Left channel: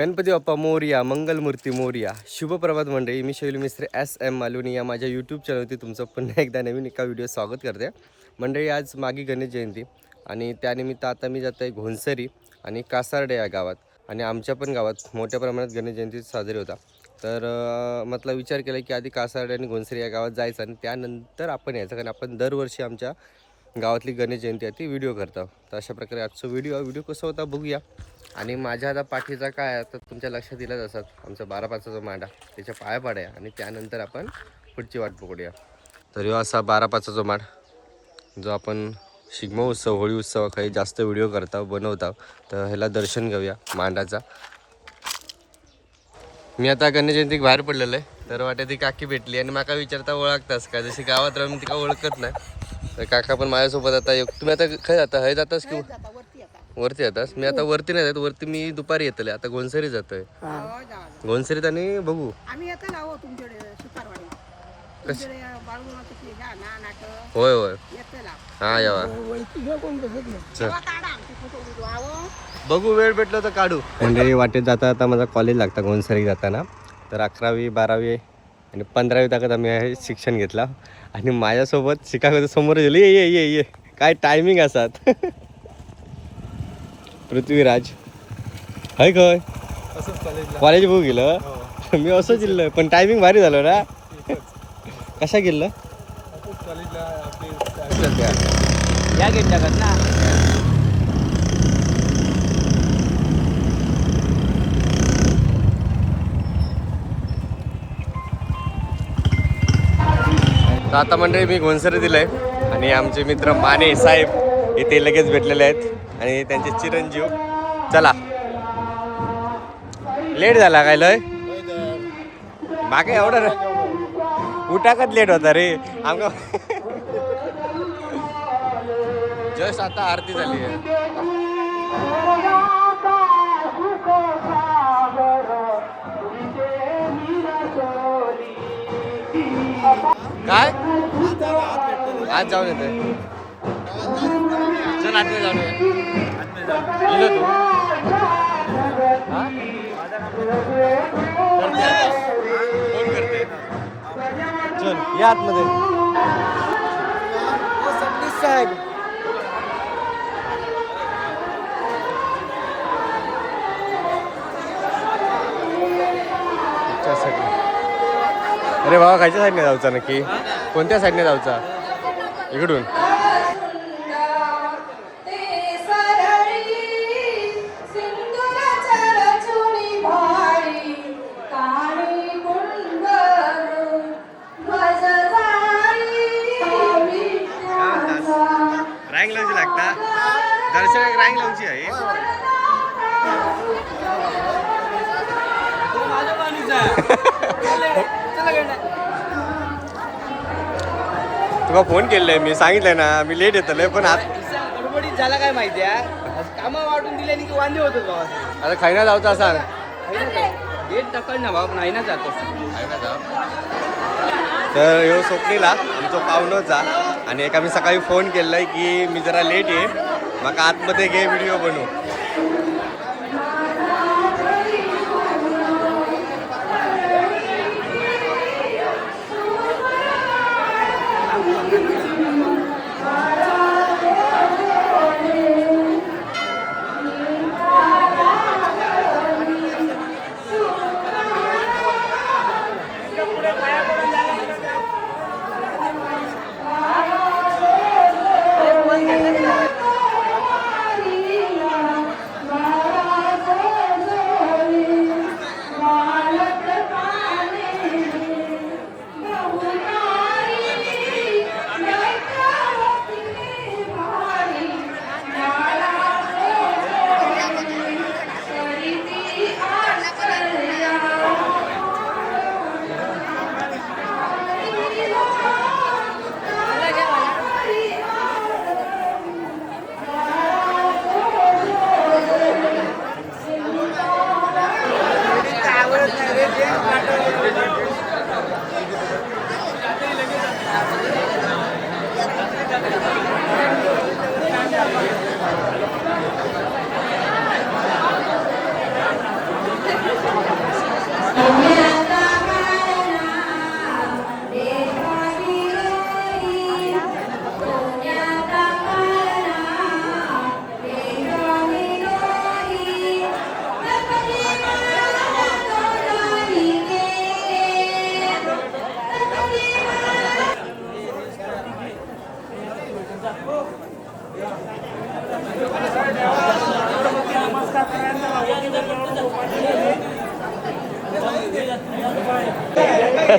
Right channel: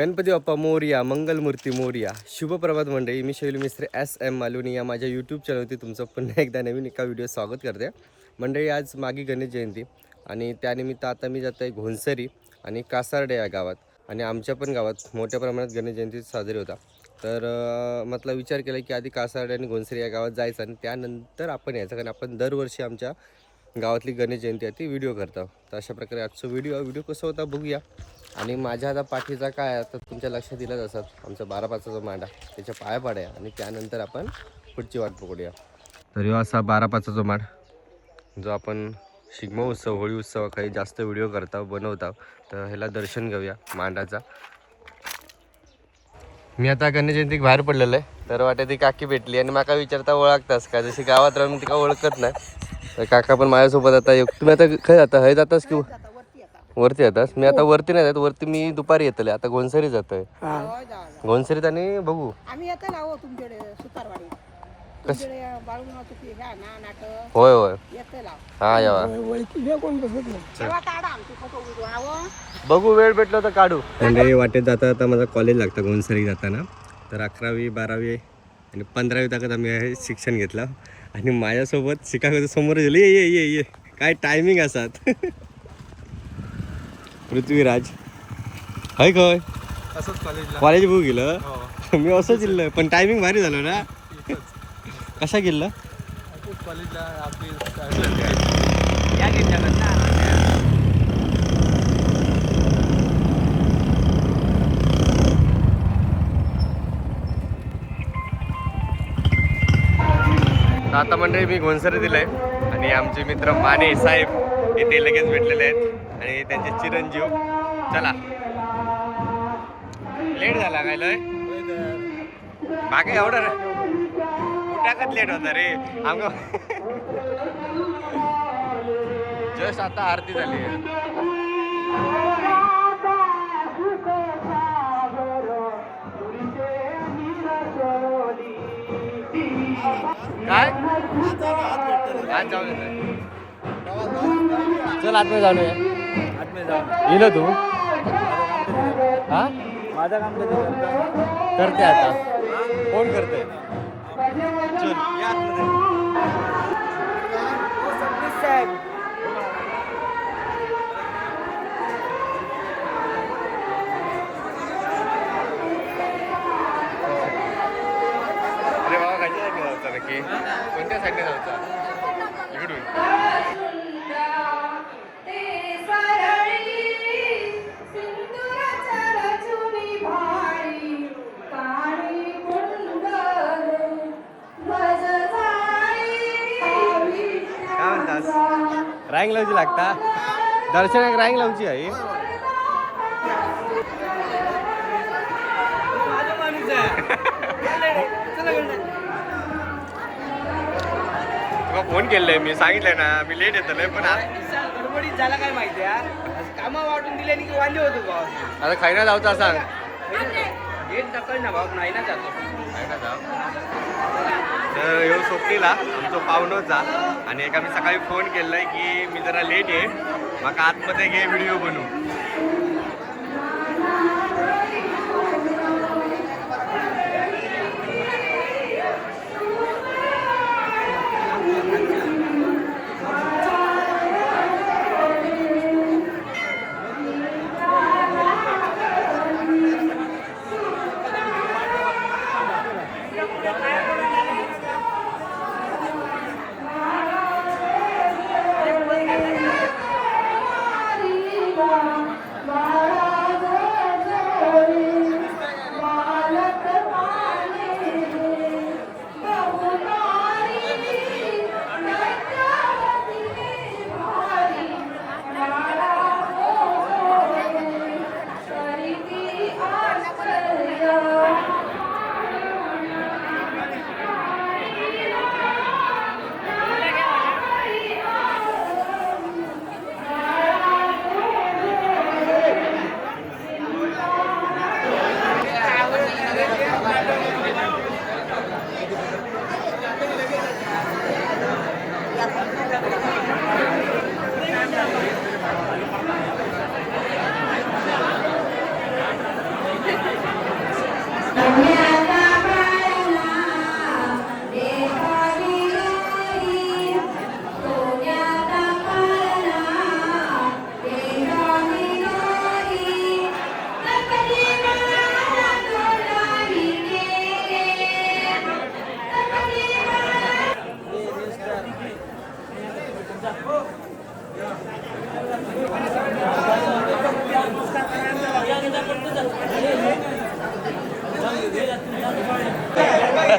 गणपती बाप्पा मोरया, मंगलमूर्ती मोरया. शुभप्रभात मंडळी. मी शैलू मिस्त्री SM मालवणी या माझ्या यूट्यूब चॅनलवरती तुमचं पुन्हा एकदा नवीन एका व्हिडिओ स्वागत करते. मंडळी आज मागी गणेश जयंती आणि त्यानिमित्त आता मी जात आहे घोणसरी आणि कासार्डे या गावात. आणि आमच्या पण गावात मोठ्या प्रमाणात गणेश जयंती साजरी होता. तर म्हटलं विचार केला की आधी कासार्डे आणि घोणसरी या गावात जायचं आणि त्यानंतर आपण यायचं, कारण आपण दरवर्षी आमच्या गावातली गणेश जयंती आहे ती व्हिडिओ करतो. तर अशा प्रकारे आजचा व्हिडिओ कसा होता बघूया. आणि माझ्या आता पाठीचा काय आहे तर तुमच्या लक्षात येईलच असतात, आमचा 12-5चा जो मांडा त्याच्या पाया पाड्या आणि त्यानंतर आपण पुढची वाट पकडूया. तर ह्यो असा 12-5चा जो मांड जो आपण शिगमो उत्सव, होळी उत्सव काही जास्त व्हिडिओ करता बनवता. तर ह्याला दर्शन घेऊया मांडाचा. मी आता गणेश जयंतीक बाहेर पडलेलो आहे, तर वाटे ती काकी भेटली आणि माका विचारता ओळखतास का, जशी गावात राहून तिका ओळखत नाही. तर काका पण माझ्यासोबत आता तुम्ही आता खय जाता, हय जातास की वरती येतास? मी आता वरती नाही जात, वरती मी दुपारी येतले. आता घोणसरी जातोय. घोणसरीत आणि बघू होय होय हा यावा बघू, वेळ भेटलो तर काढू. म्हणजे वाटेत जाता आता माझा कॉलेज लागतं घोणसरी जाताना. तर 11वी 12वी आणि 15वी ताकद आम्ही हे शिक्षण घेतला आणि माझ्यासोबत शिकागो समोर गेलो. ये ये ये ये काय टायमिंग असतात. पृथ्वीराज हाय काय कॉलेज बघू गेलं. मी असं गेलं पण टायमिंग भारी झालं ना. कसा गेलं आता मंडळी मी घोणसरी दिलंय आणि आमचे मित्र माने साहेब इथे लगेच भेटलेले आहेत आणि त्यांचे चिरंजीव. चला लेट झाला काय लय मागे एवढं उठाकच लेट होता रे आमका. जस्ट आता आरती झाली आहे. काय आज जाऊन येते. चल आतमध्ये जाऊन ये तू करते आता फोन करते. चल या आतमध्ये. अरे बाबा खायच्या साईडने जाऊचा नक्की, कोणत्या साईडने जाऊचा? इकडून काय म्हणतास? रँग लावची लागता दर्शनाक, रँग लावची आहे. तुला फोन केलाय मी, सांगितलंय ना मी लेट येतलोय पण गडबडीत झाला काय माहिती आहे, कामं वाटून दिल्याने की वांदे होत भाव. आता खायना जाऊचा सांग. एक टक्कर ना भाऊ नाही ना जातो खायना जाऊ. तर ह्यो सोपणीला आमचा पाहुणोचा आणि एक आम्ही सकाळी फोन केलाय की मी जरा लेट आहे, मग आतमध्ये घे व्हिडिओ बनवू.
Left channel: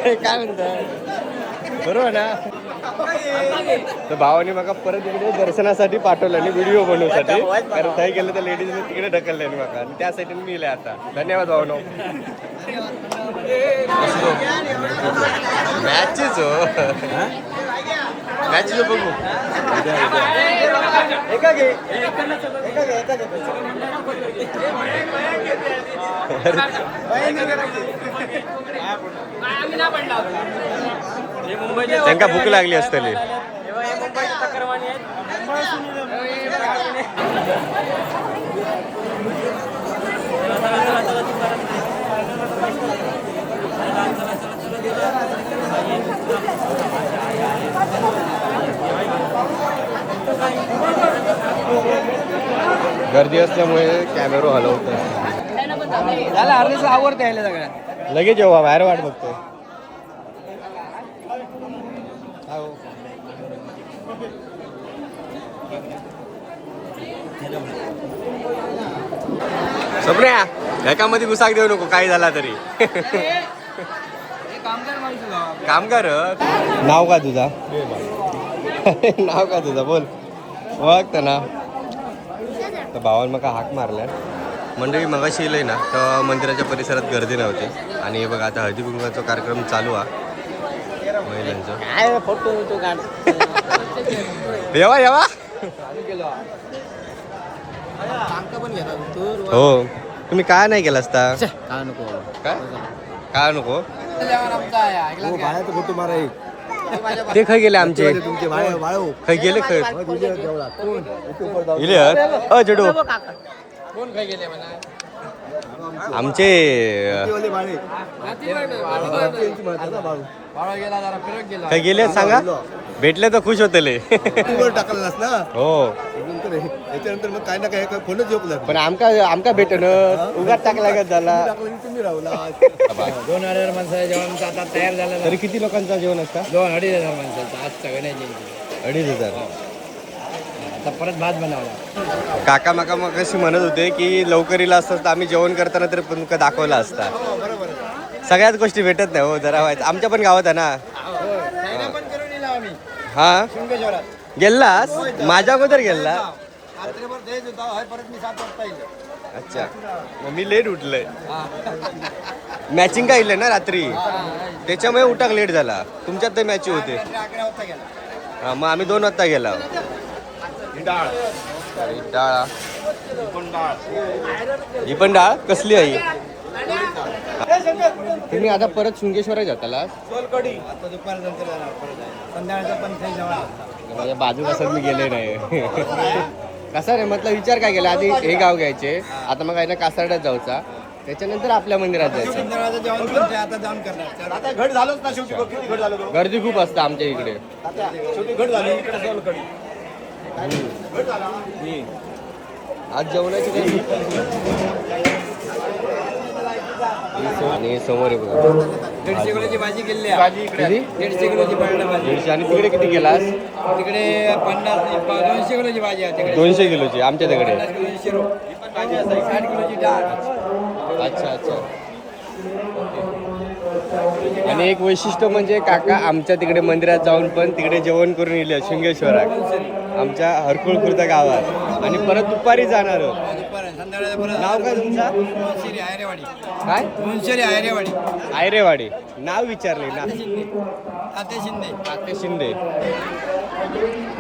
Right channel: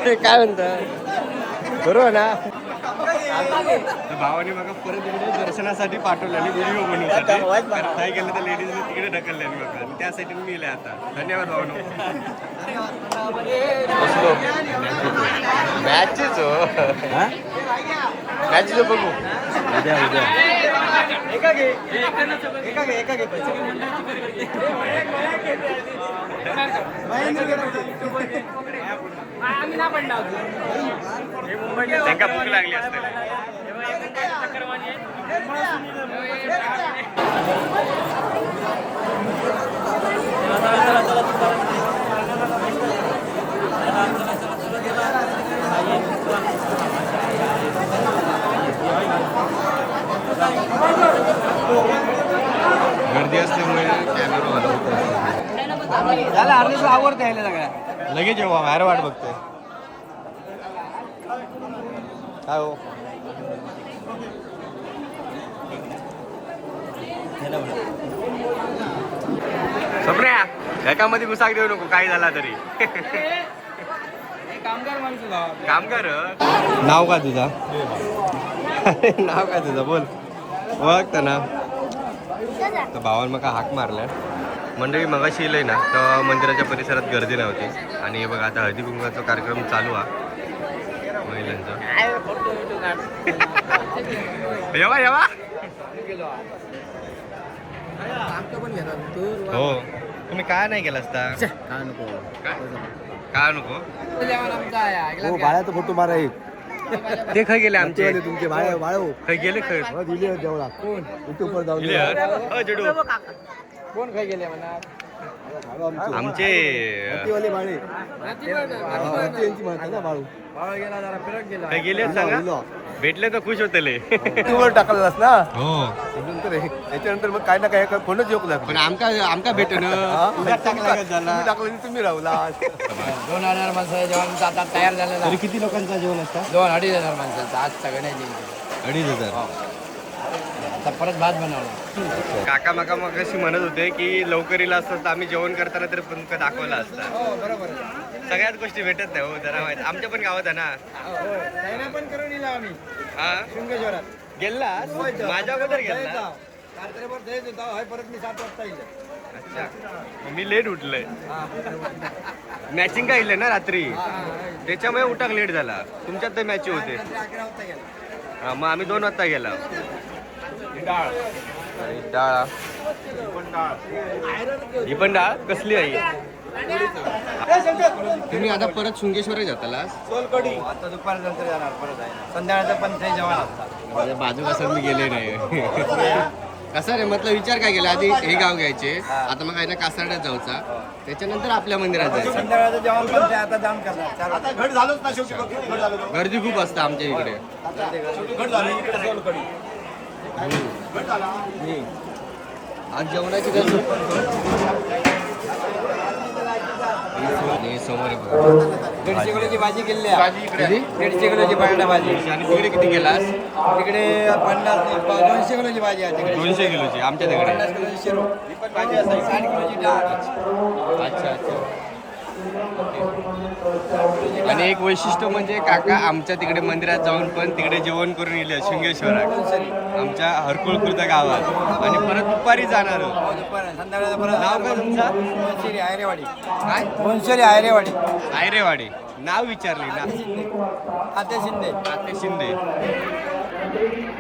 काय म्हणता बरोबर ना. तर भावाने मला परत इकडे दर्शनासाठी पाठवलं आणि व्हिडिओ बनवण्यासाठी, कारण काही गेलं तर लेडीजने तिकडे ढकलले मला आणि त्यासाठी मी इले आता. धन्यवाद भावनो. बसलो मॅचेच हो, मॅचेच बघू. त्यांना भूक लागली असतली. गर्दी असल्यामुळे कॅमेरा हलवतो. झालं अर्धेच आवडते यायला सगळ्या. लगेच जेव्हा बाहेर वाट बघतोय काय हो. स्वप्न्या एकामध्ये घुसाक देऊ नको काही झाला तरी. कामगार माणसं गावात. कामगार नाव का तुझा? नाव का तुझा बोल, ओळखता ना. तर भावानं मग हाक मारला. मंडळी मगाशी येईल ना तर मंदिराच्या परिसरात गर्दी नव्हती आणि हे बघा आता हळदी कुंकवाचा कार्यक्रम चालू आहे महिलांचा. येवा येवा हो. तुम्ही काय नाही केलं असता? काय नको काय काय नको हो, बाळाचा फोटो मारा एक. ते खाय गेले आमचे. तुमचे बाळे बाळो खाय गेले खाय दिले देवळा कोण युट्यूबवर जाऊ. जडू कोण काय गेले म्हणा आमचे वाले बाळे यांची म्हणतात ना बाळू. बाळा गेला जरा फिरत गेला. काय गेले सांगा, भेटले तर खुश होतले. युट्यूबवर टाकलेलास ना. हो नंतर याच्यानंतर मग काय ना काय फोनच येऊ लागला. पण आमका भेटन उगाच टाकला का झाला. तुम्ही राहुला 2,000 माणसाच्या जेवण आता तयार झालेला. तरी किती लोकांचा जेवण असता? 2,000-2,500 माणसाचा आज सगळ्यांनी जेवण. 2,500. आता परत भात बनवला. काका माका मग कशी म्हणत होते की लवकरीला असतं तर आम्ही जेवण करताना तरी पण तुमका दाखवला असता. सगळ्याच गोष्टी भेटत नाही हो, जरा व्हायचं. आमच्या पण गावात आहे ना. पण करून दिला आम्ही हा शृंगेश्वरात. गेलास माझ्या अगोदर गेला. रात्रीभर देत होता परत मी 7 वाजता येईल. अच्छा मग मी लेट उठलोय. मॅचिंग का इले ना रात्री, त्याच्यामुळे उठाक लेट झाला. तुमच्यात ते मॅच होते. 11 वाजता गेला. हा मग आम्ही 2 वाजता गेला. अरे डाळ ही पण डाळ कसली आहे? तुम्ही आता परत शृंगेश्वरात जातालास? आता दुपारनंतर जाणार परत आहे. संध्याकाळचं पण ते जेवण माझ्या बाजू कसं मी गेले नाही. कसं रे म्हटलं विचार काय केला, आधी हे गाव घ्यायचे, आता मग आहे ना कासारड्यात जाऊचा, त्याच्यानंतर आपल्या मंदिरात जायचं. संध्याकाळचं जेवण पण ते आता जाम करणार. 4 वाजता घट झालंच ना शेवटी. घट झालं. गर्दी खूप असतं आमच्या इकडे. घट झालं. आज जेवणाची गर्दी आणि समोर आहे बघा 150 किलोची भाजी केली आहे. किती? 150 किलोची बटाटा भाजी. 150. आणि तिकडे किती गेलास? तिकडे 200 किलोची भाजी आहे तिकडे. 200 किलोची आमच्या तिकडे. 200 भाजी असते. 60 किलोची डाळ. अच्छा अच्छा. आणि एक वैशिष्ट्य म्हणजे काका आमच्या तिकडे मंदिरात जाऊन पण तिकडे जेवण करून येले शृंगेश्वरात आमच्या हरकुळखुर्द गावात आणि परत दुपारी जाणार. संध्याकाळचं परत नाव काय तुमचा? वंशेरी आयरेवाडी. काय? वंशेरी आयरेवाडी. आयरेवाडी. नाव विचारले ना. तात्या शिंदे. तात्या शिंदे.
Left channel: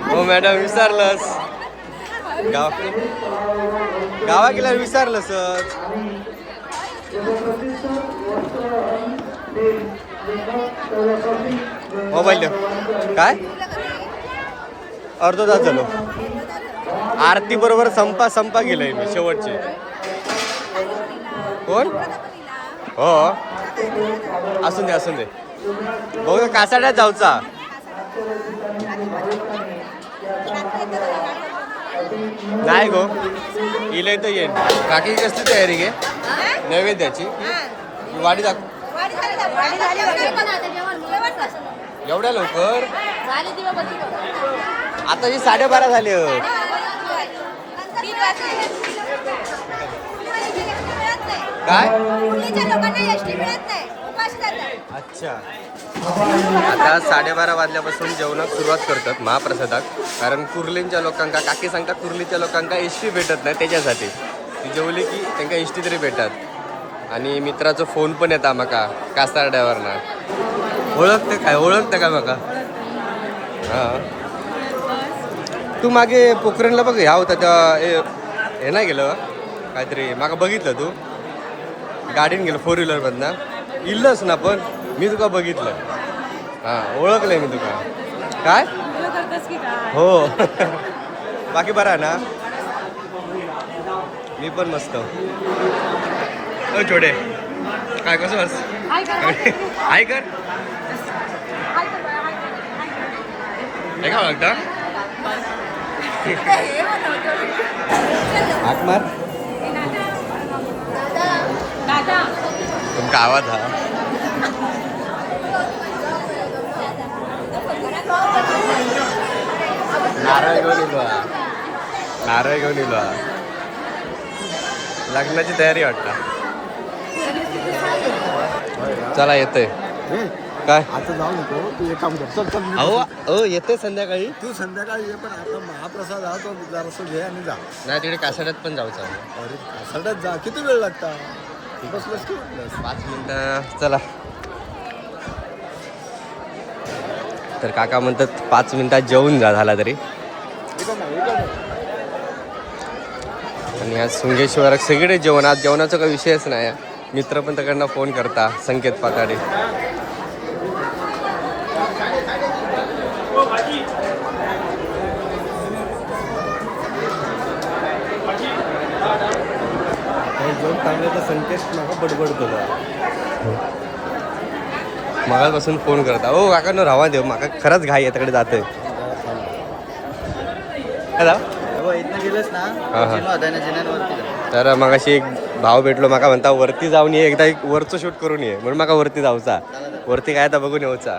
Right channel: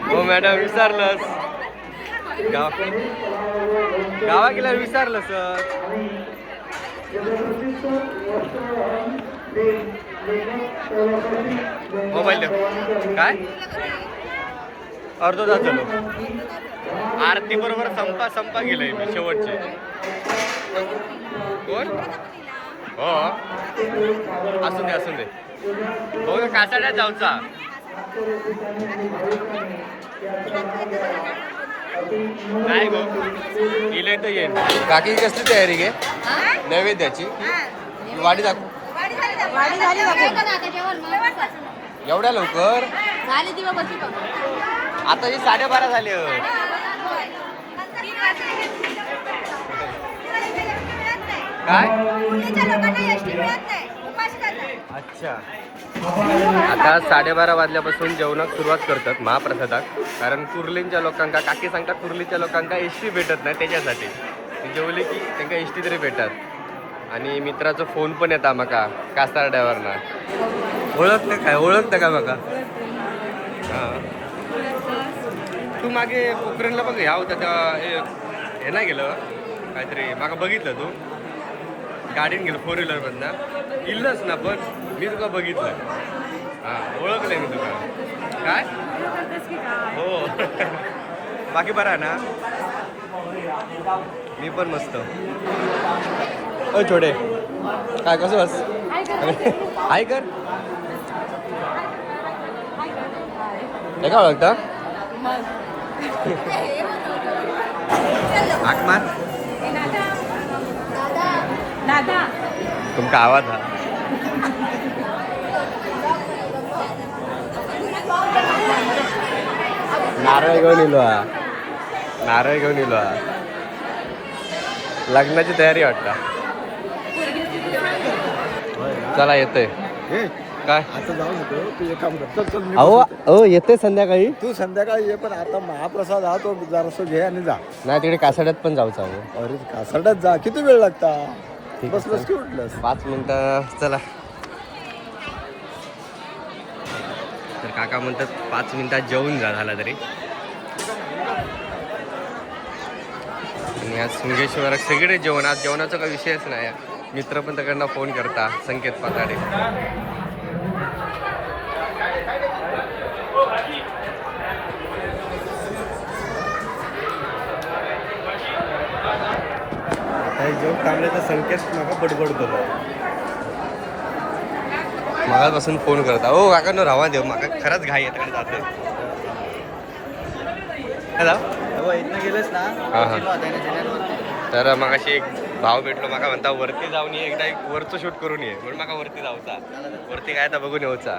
हो मॅडम विचारलंस गावा गेल्यावर विचारलंस. मोबाईल काय अर्धा तास झालो. आरती बरोबर संपा गेलोय मी शेवटचे. कोण? हो असून दे भाऊ कासाड्यात जाऊचा. नाही गो इले तर येईन. काकी कसली तयारी घे नैवेद्याची? वाडी दाखव. एवढ्या लवकर? आता ही 12:30 झाले. काय अच्छा, आता 12:30 वाजल्यापासून जेवणात सुरुवात करतात महाप्रसादात. कारण कुर्लींच्या लोकांका काकी सांगतात कुर्लीच्या लोकांका एस टी भेटत नाही, त्याच्यासाठी ती जेवली की त्यांना एस टी तरी भेटतात. आणि मित्राचा फोन पण येता माका कासारड्यावरना. ओळखतं का माका? हां, तू मागे पोखरणला बघ ह्या होता त्या हे नाही गेलं काहीतरी माका बघितलं, तू गाडीन गेलं 4 व्हीलरमधनं इल्लंच ना, पण मी तुका बघितलं. हां, ओळखलंय मी तुका. काय हो बाकी बरा ना? मी पण मस्त. ओ छोडे काय कसं बस हाय कर हे का बघता हाक मार. तुमका आवाज हा नारळ घेऊन इलो हा, नारळ घेऊन इलो हा. लग्नाची तयारी वाटता. चला येतोय काय आता जाऊ नको तू एक काम कर. चल चल मी अहो येते संध्याकाळी. तू संध्याकाळी ये, पण आता महाप्रसाद हा तो जरासं घे आणि जा. नाही तिकडे कासाड्यात पण जाऊचं आहे. अरे कासाड्यात जा, किती वेळ लागता? बस बस की बस. 5 मिनिटं चला. तर काका म्हणतात 5 मिनिटात जेवून जा झाला तरी. आणि आज शृंगेश्वरात सगळे जेवण, आज जेवणाचा काही विषयच नाही. मित्र पण त्याकडनं फोन करता, संकेत पाताडे. काही जेवण थांबले तर संकेत मागा बडबडतो. मगापासून फोन करता. हो काका न राहा देव, माका खरंच घाई आहे तिकडे जातोय. हां हां. तर मगाशी एक भाव भेटलो, माका म्हणता वरती जाऊन ये, एकदा एक वरचं शूट करून ये. म्हणून माका वरती जाऊचा, वरती काय आता बघून येऊचा.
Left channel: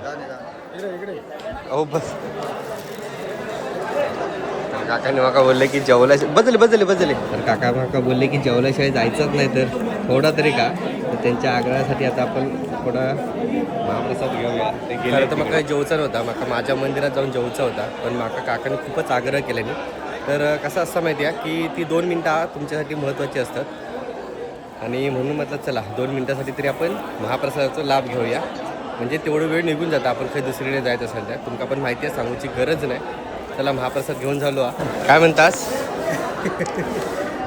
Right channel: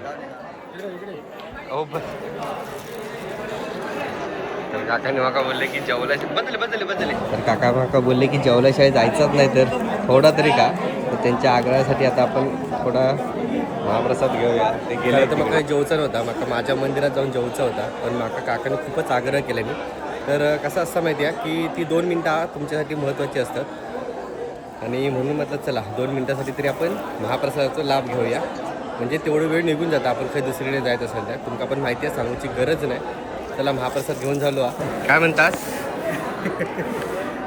हो बस. तर काकाने माका बोलले की जेवला बदले. तर काका माका बोलले की जेवल्याशिवाय जायचंच नाही, तर थोडा तरी का. तर त्यांच्या आग्रहासाठी आता आपण थोडा महाप्रसाद घेऊया. ते गेले तर माका जेवचा नव्हता, माका माझ्या मंदिरात जाऊन जेवचा होता. पण माका काकाने खूपच आग्रह केल्याने. तर कसं असतं माहिती आहे की ती 2 मिनटं तुमच्यासाठी महत्त्वाची असतात. आणि म्हणून म्हटलं चला 2 मिनटासाठी तरी आपण महाप्रसादाचा लाभ घेऊया. म्हणजे तेवढं वेळ निघून जातं. आपण काही दुसरीकडे जायचं असेल तर तुमका पण माहिती आहे, सांगूची गरज नाही. चला महाप्रसाद घेऊन झालो. काय म्हणतास?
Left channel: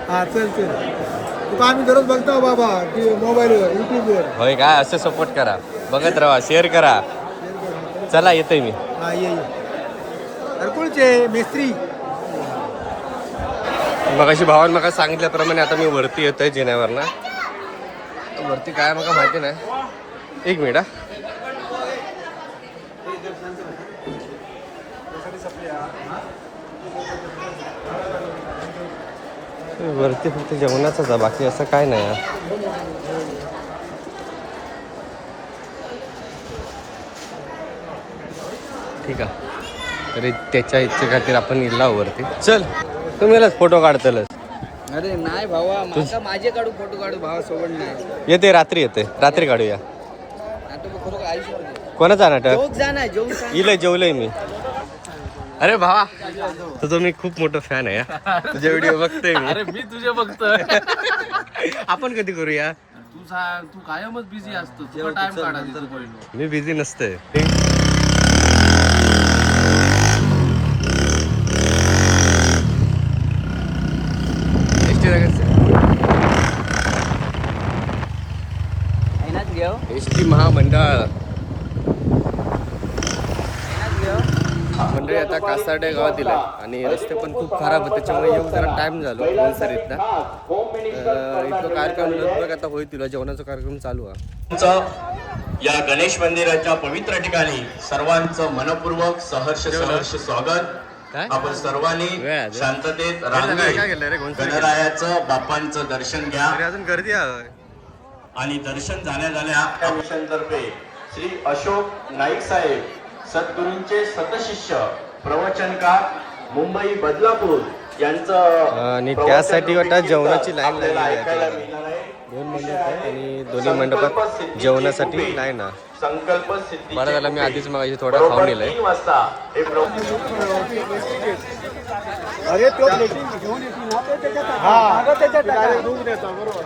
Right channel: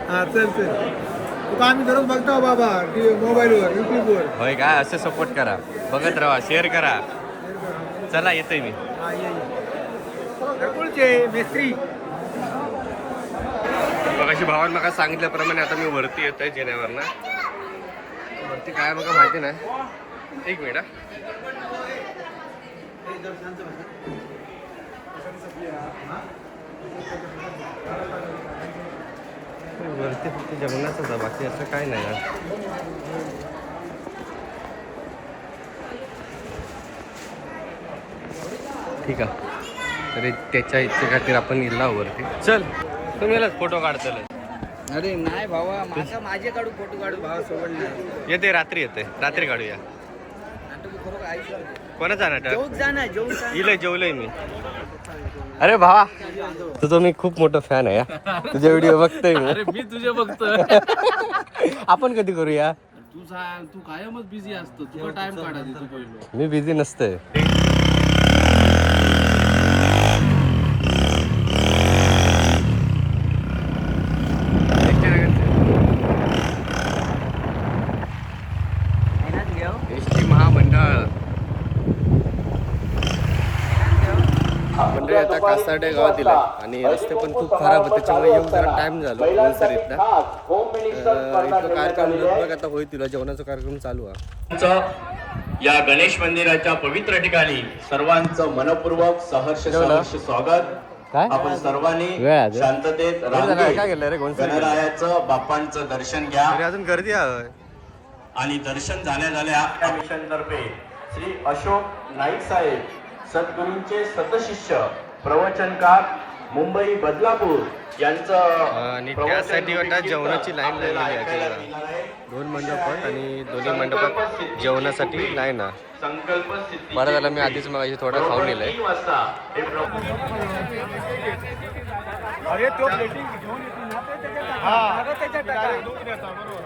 हा चल चल. तुका आम्ही दररोज बघतो बाबा मोबाईलवर, युट्यूबवर. होय काय, असं सपोर्ट करा, बघत राहा, शेअर करा. चला येतोय मी. हा ये मेस्त्री. मग अशी भावान मला सांगितल्याप्रमाणे आता मी वरती येतोय जिन्यावर ना. वरती काय मला माहिती नाही. एक मिनिट. वरती फक्त जेवणाचाच आहे, बाकी असं काय नाही. ठीक आहे, तरी त्याच्या इच्छेखातीर आपण इल्ला वरती. चल तुम्हीलाच फोटो काढतलच. अरे नाही भावा, माझे काढू फोटो काढू भावा सोबत नाही. येते रात्री, रात्री काढूया. कोणाचा नाटक? इलय जेवलंय मी. अरे भावा तुझं मी खूप मोठं फॅन आहे. तुझे व्हिडिओ बघतोय मी. अरे मी तुझे बघतोय. आपण कधी करूया? तू कायमच बिझी असतो, तुला टाइम काढायचा तू पहिलो. मी बिझी नसतोय. एस टी महामंडळ मंडळी आता कासार्डे गावात दिलाय आणि रस्ते पण खूप खराब आहेत, त्याच्यामुळे येऊन जरा टाइम झालो सरीतला. इथं कार्यक्रम लगभग आता होईल, जेवणाचा कार्यक्रम चालू आहे. या गणेश मंदिराच्या पवित्र ठिकाणी सर्वांचं मनपूर्वक सहर्ष स्वागत. काय आपण सर्वांनी शांततेत काय केलं रे? गणरायाचं बाप्पांचं दर्शन घ्या. अजून गर्दी आहे. आणि दर्शन झाल्या तर्फे श्री अशोक नाईक साहेब सद्गुरूंचे सतशिष्य प्रवचनकार मुंबई बदलापूर यांचं आणि त्यासाठी वाटतं जेवणाची लाईन लागलेली आहे. 2 मंडप आहेत आणि दोन्ही मंडपात जेवणासाठी नाही ना. संकल्प सिद्धी बरं झालं मी आधीच मग थोडं खाऊन नेलंय. 3 वाजता हे अरे तो प्लेटिंग घेऊन हा त्याच्या टाकायला दूध देतो बरोबर.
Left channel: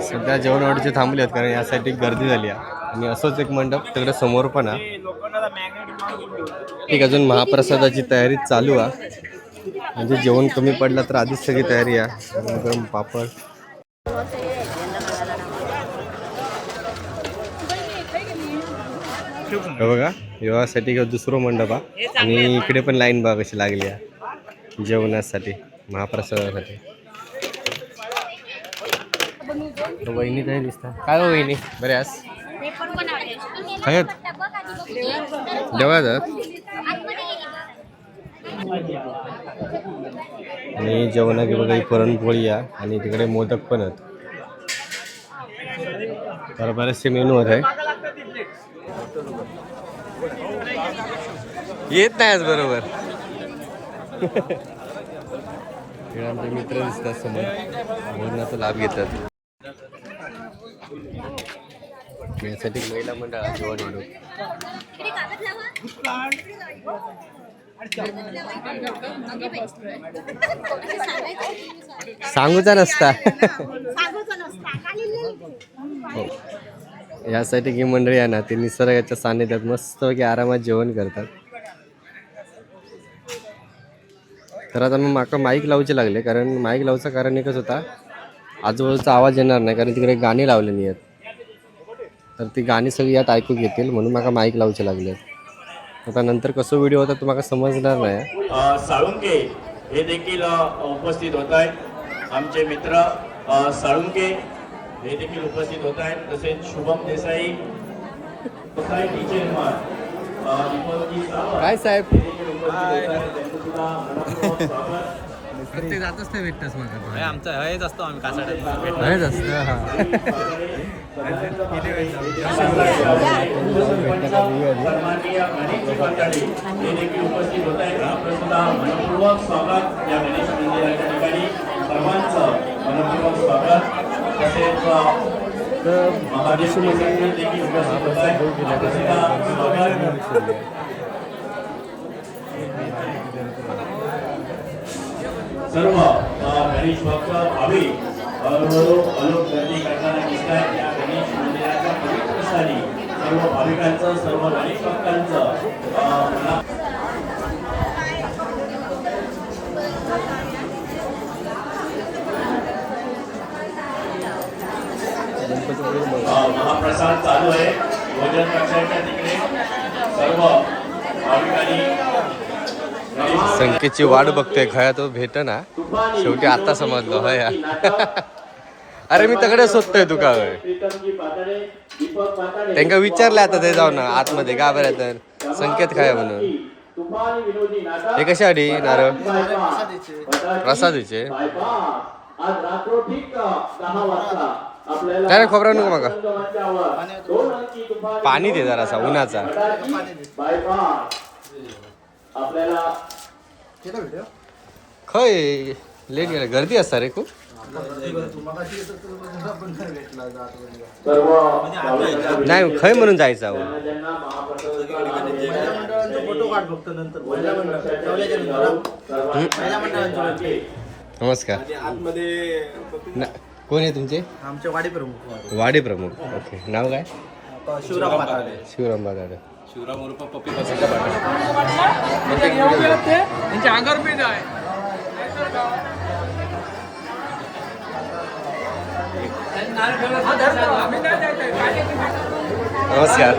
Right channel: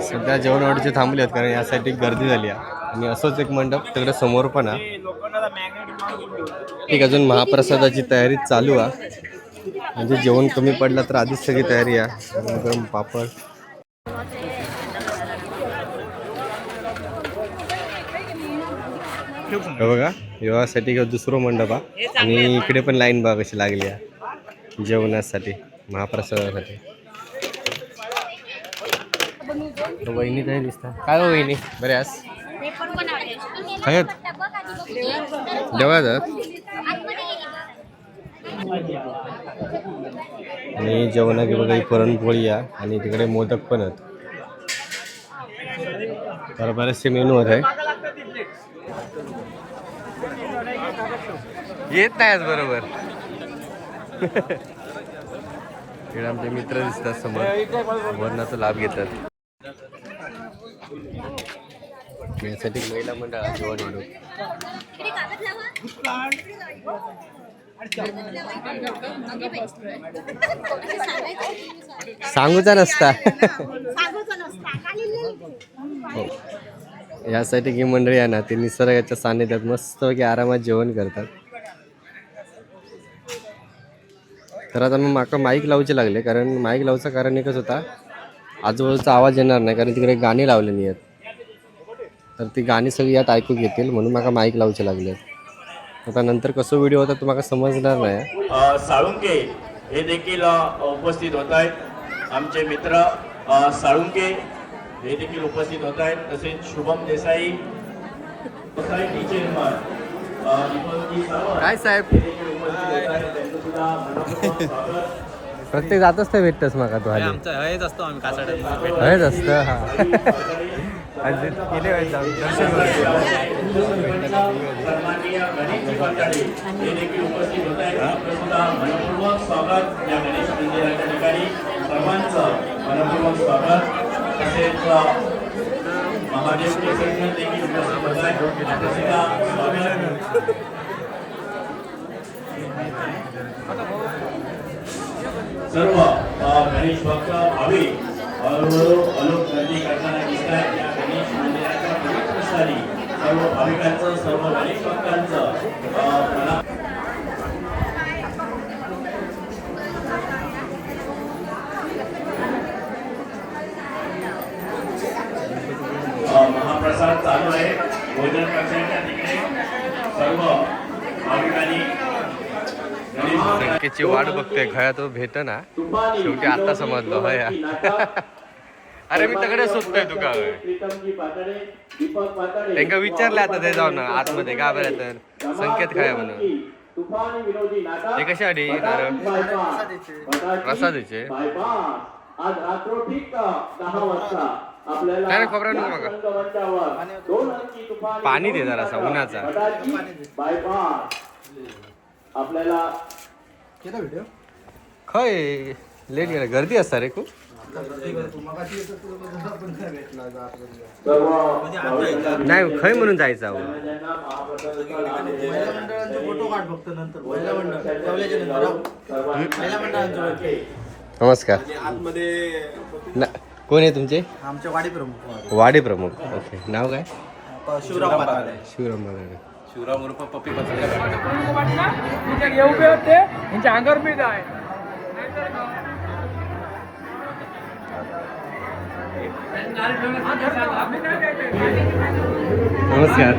सध्या जेवण ऑर्डरचे थांबले आहेत कारण यासाठी गर्दी झाली आहे. आणि असंच एक मंडप तिकडे समोर पण आहे. ठीक, अजून महाप्रसादाची तयारी चालू आहे. म्हणजे जेवण कमी पडलं तर आधीच सगळी तयारी आहे. गरम पापड. हे बघा विवाहासाठी दुसरं मंडप आहे आणि इकडे पण लाईन बघा कशी लागली आहे जेवणासाठी महाप्रसादासाठी. वहिनी काय दिसता काय हो वहिनी बरे आज आहेत देवाजात. आणि जेवणाची बघा ही पुरणपोळी आहे आणि तिकडे मोदक पण आहेत. तर बरेचसे मेनू आहेत. येत नाही आज बरोबर. इकडे आमचे मित्र दिसतात समोर वरणाचा लाभ घेतात. यासाठी महिला मंडळ जेवण सांगूचा नसता. हो. यासाठी ही मंडळी आहे ना ते निसर्गाच्या सानिध्यात मस्तपैकी आरामात जेवण करतात. तर आता मग माका माईक लावचे लागले कारण माईक लावचं कारण एकच होता आजूबाजूचा आवाज येणार नाही कारण तिकडे गाणी लावलेली आहेत. तर ती गाणी सगळी यात ऐकू घेतील म्हणून माका माईक लावचे लागले. आता नंतर कसं व्हिडिओ होता तुम्हाला समजणार नाही. साळुंके हे देखील उपस्थित होत आहेत. आमचे मित्र साळुंके हे देखील उपस्थित होत आहेत. तसेच शुभम देसाई सोसायटी चेअरमन काय साहेब प्रत्येक जातच नाही भेटतस मग तू आमचं हयच असतो आम्ही कासाड्यात हयच असतं. हा सन्माननीय गणेशजी मंडळी हे देखील उपस्थित होत आहेत. आपलं सुद्धा मनपूर्वक स्वागत या गणेश मंदिराच्या ठिकाणी सर्वांचं मनपूर्वक स्वागत. तसेच महादेव देखील उपस्थित होत आहेत. आपलं सुद्धा स्वागत. सर्व गणेश भक्त भाविक हळूहळू अलोट गर्दी करताना दिसत आहेत. या गणेश मंदिराच्या पवित्र स्थानी सर्व भाविकांचं सर्व गणेश भक्तांचं महाप्रसाद चालू आहे. भोजन कक्षाच्या तिकडे सर्व भाविकांनी संख्येची वाट बघतोय खया तो भेट ना शेवटी आता समजलो होय. अरे मी तकडे शोधतोय तुका त्यांना विचारलं आता ते जाऊन आतमध्ये का बरं तर संकेत काय म्हणून हे कशासाठी नारळ प्रसादीचे काय खोबरा नको मग पाणी दे जरासा उन्हाचा. खय लेट गेला गर्दी असता रे खूप. नाही खय म्हणून जायचं अहो. नमस्कार. कोण आहे तुमचे? आमचे वाडी प्रमुख. वाडी प्रमुख. ओके नाव काय? शिवराम बागाडे. शिवराम उर्फ पप्पी त्यांच्या अंगावर पीठ आहे. नमस्कार.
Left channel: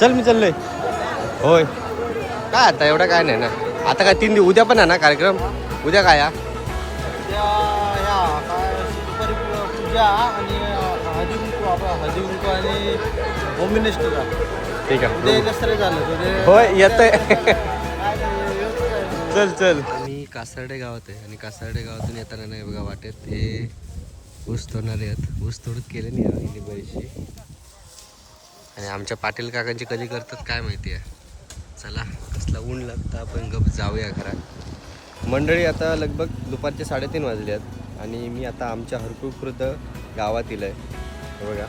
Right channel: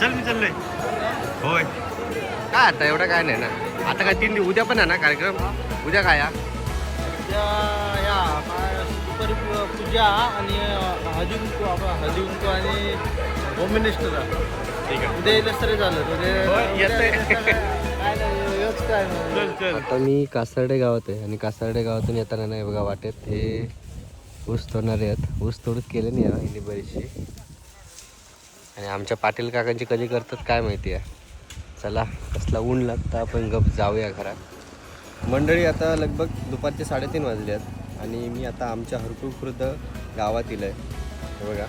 चल मी चाललोय. होय काय आता एवढं काय नाही ना. आता काय 3 दिवस उद्या पण आहे ना कार्यक्रम. उद्या काय या पूजा आणि हळदी कुंकू आणि होम मिनिस्टरला ठीक आहे. उद्या नसतरी झालं होय येतंय. चल चल. आणि कासारडे गावात आहे आणि कासारडे गावातून येताना नाही बघा वाटेत हे ऊस तोडणारे आहेत. ऊस तोडत केले नाही यांनी बरीचशी. आणि आमच्या पाटील काकांची कधी करतात काय माहिती आहे. चला कसला ऊन लागतं आपण गप जाऊया घरात. मंडळी आता लगभग दुपारचे 3:30 वाजले आहेत आणि मी आता आमच्या हरकुळ खुर्द गावातील आहे. हे बघा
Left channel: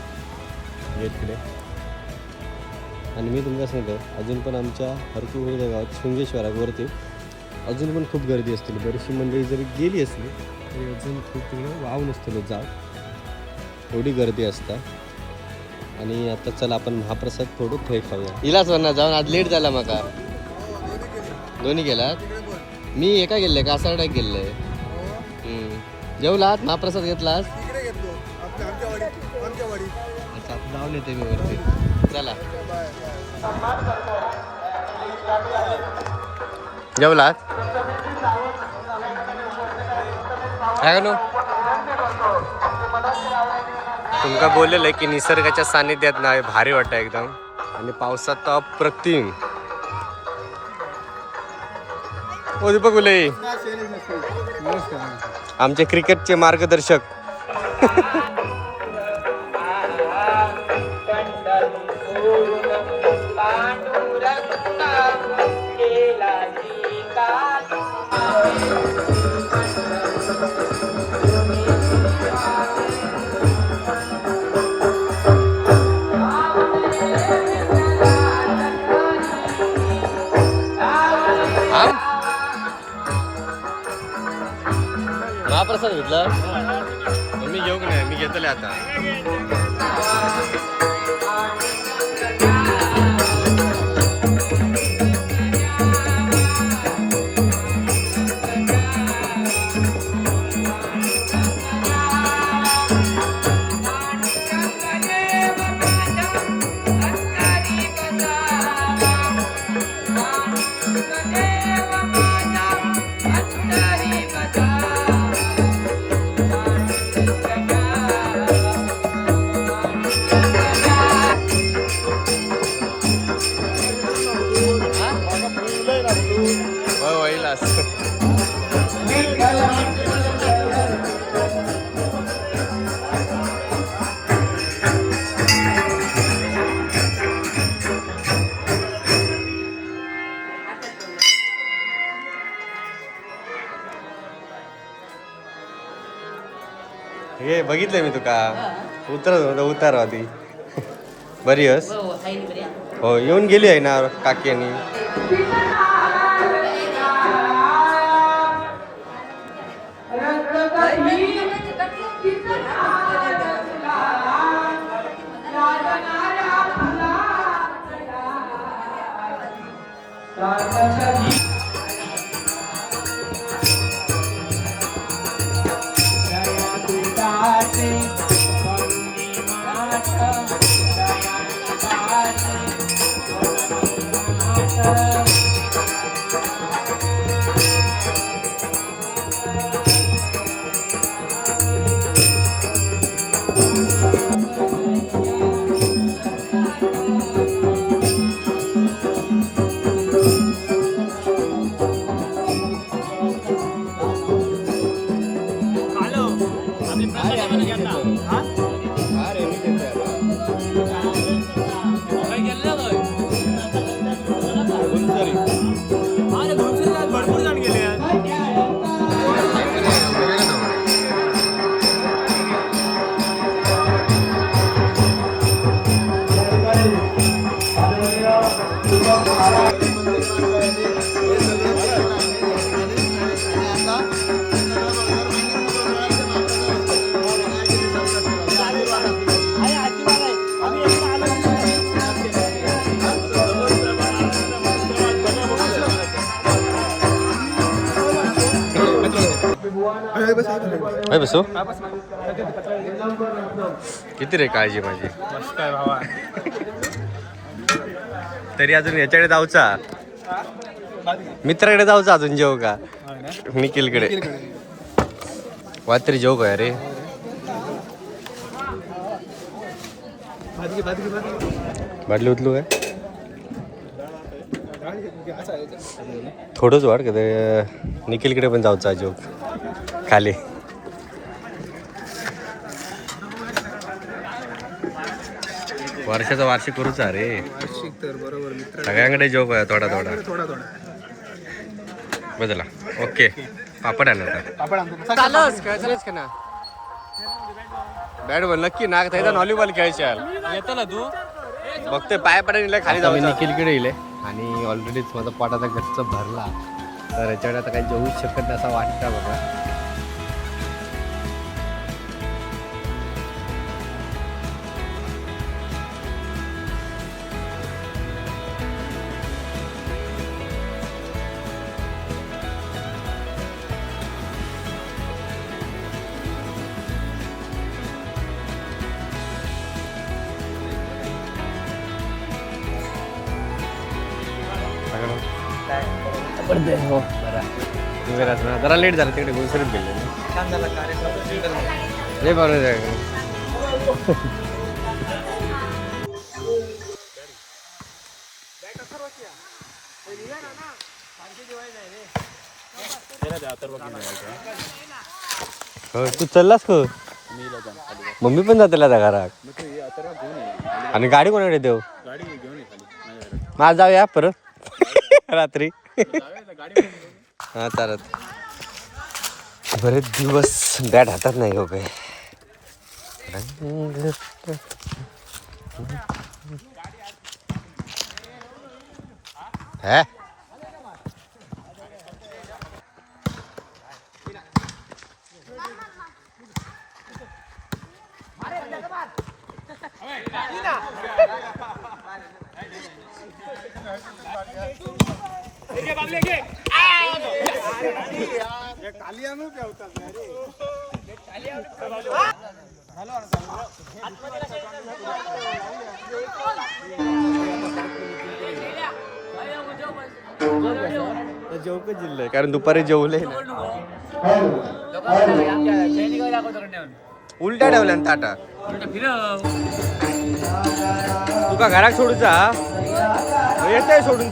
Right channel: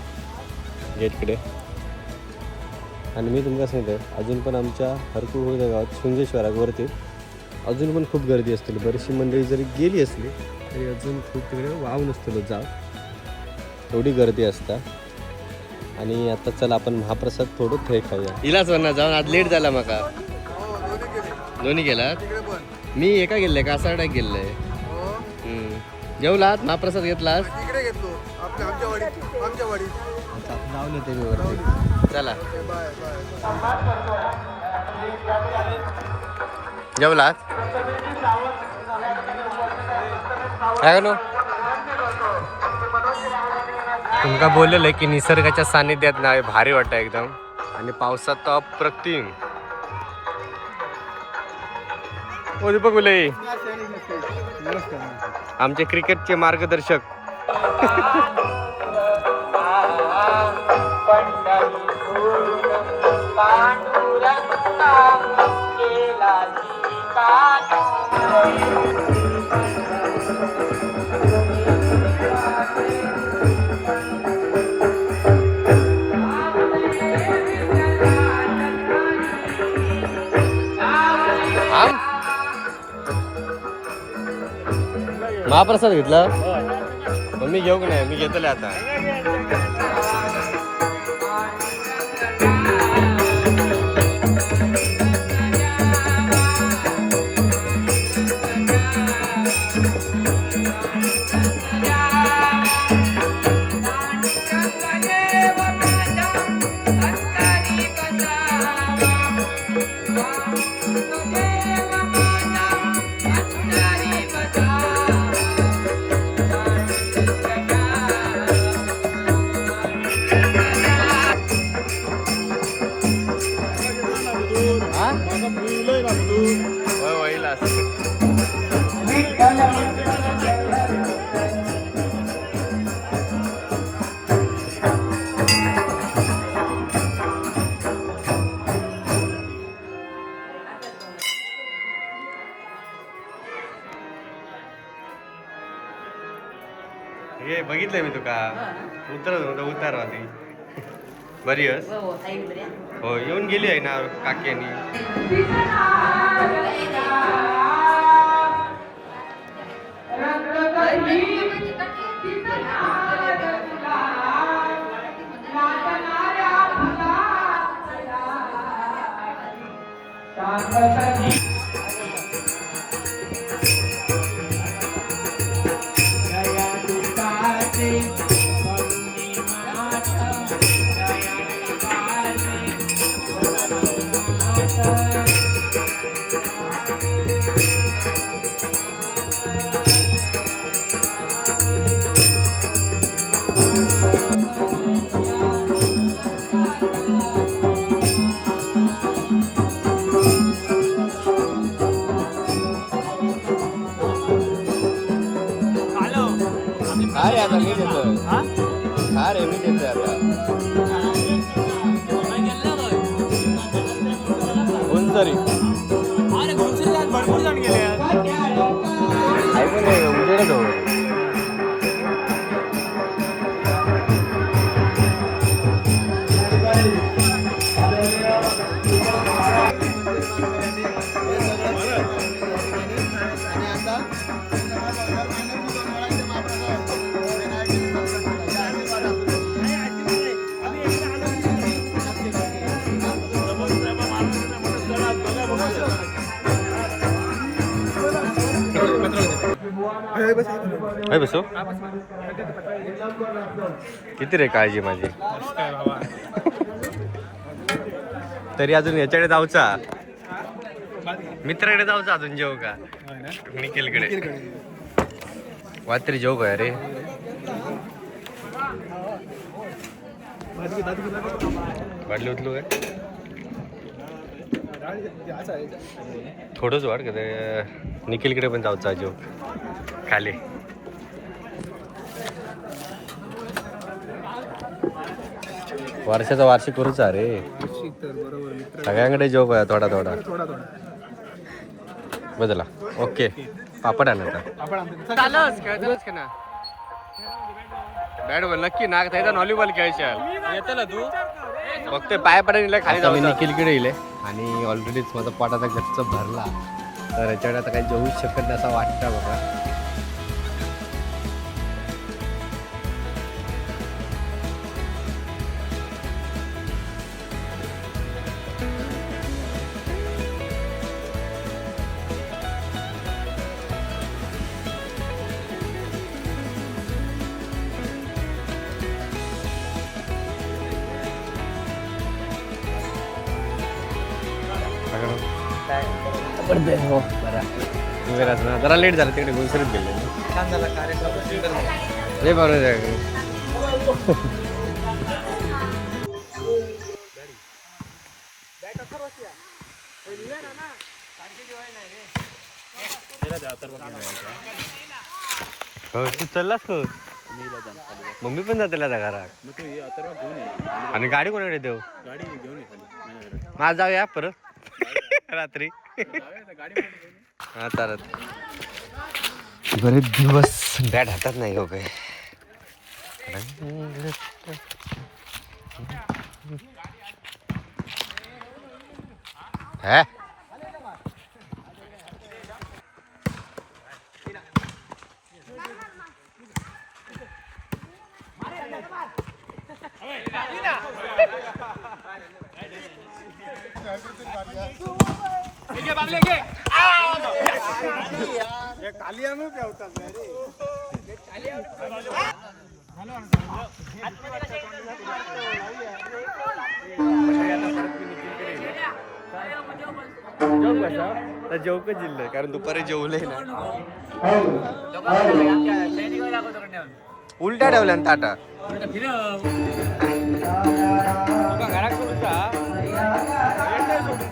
गेटकडे. आणि मी तुमका सांगतो अजून पण आमच्या हरकुळ खुर्द गावात शृंगेश्वरावरती अजून पण खूप गर्दी असतील. बरीचशी मंडळी जरी गेली असली तरी अजून खूप तिकडे वाव नसतील जाव एवढी गर्दी असता. आणि आता चला आपण महाप्रसाद थोडं थंय खाऊया. इलाच वरना जाऊन आज लेट झाला माका. दोन्ही गेलात. मी एका गेले कासारड्यात गेले. जेवलात महाप्रसाद घेतलास. तिकडे घेतलो आमच्या वाडी. अच्छा जाऊन येते मी वरती. चला जेवलात काय नो तुमका बोललेलं आहे की निसर्गाच्या सानिध्यात ना भारी वाटतं एकदम. आणि पावसात तर अप्रतिम. ओ दीपक बोले आमचे क्रिकेटचे मार्गदर्शक. महाप्रसाद घेतला पण मी घेऊ नाही. मी घेतले आता. हे बघितलंय मी तुका उतार आधी बरी हस. हो येऊन गेली आहे ना काकी आणि भरपूर जण गेले. बसो किती रे काळजी माझी. काय भावा तरी अजून याच्याकडे जाऊचा मित्राकडे जाऊचा अजून जेव का निखिलकडे वाद तरी जेव काय रे बाटली उचलू काय थोडंच वाढ का ते निखिलकडे पण जाऊचा जेव खाली वर्षाचा वार्षिक करूचा रे तर बरोबर मित्र सगळ्यांकडे जोक आहे थोडा थोडा थोडा थोडा बदला ओके पापड आणता आपण आणतो चालच खेळायच का ना बॅट बॉल नक्की ना त्याचा व्हॉलीबॉल खेळशाल बघतोय पाय पडायला खाली जाऊन निखिलकडे येईल आणि ऑलरेडीच माझा पोट आता गच्च भरला तर याच्याकडे आता काही जेवूच शकत नाही असं वाटतं बघा हो बरं ना जरा लेट झालं तिकडे गुलसरीत गेले लय बरोबर हो तू चाललास का मम्मी पण जाते घरात आणि गाडी कोणाकडे देऊ माझ जाऊया परत रात्री हा चालत बरेच दिवस बॅट हातात नाही हो काय हा जेवकच जिल्हा कारण दुपारी जेवले ना उलटा ठेवल्या ना ताटा तुका घरात सोडूचा येत सोडून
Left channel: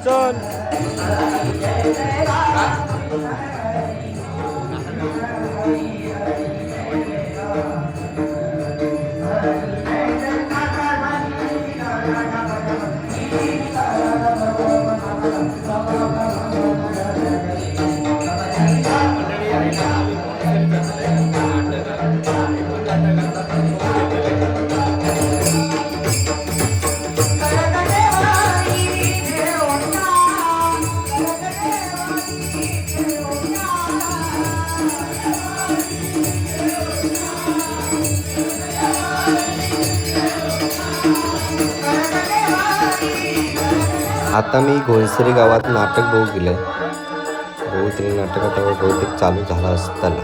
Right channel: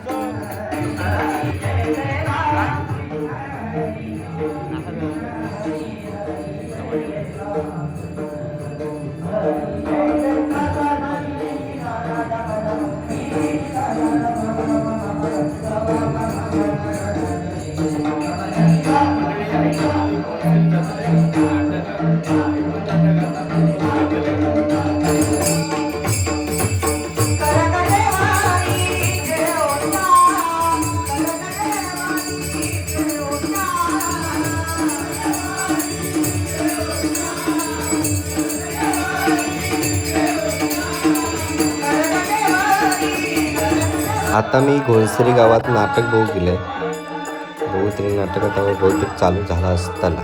आता मी घोणसरी गावात नाटक बघू गेलंय बहुतरी नाटक आता बहुतेक चालू झाला असताना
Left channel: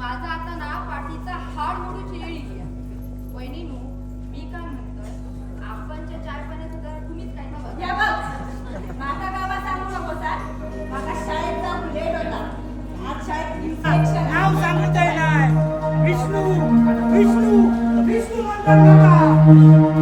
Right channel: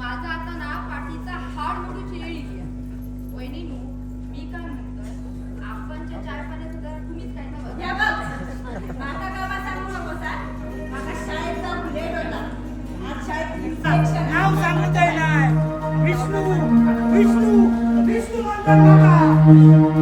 माझा आता ना पाठीचा हाड मोडूची येळी वहिनी मी काय म्हणतोय आपणच्या चार पाण्याचं जरा तुम्हीच काय ना या बघ माझा गावात सांगू नको माझा शाळेत जाऊन लेट होता आज शाळेत इन्फेक्शन नाव सांगतोय नाही विष्णू विष्णू विष्णू म्हणतात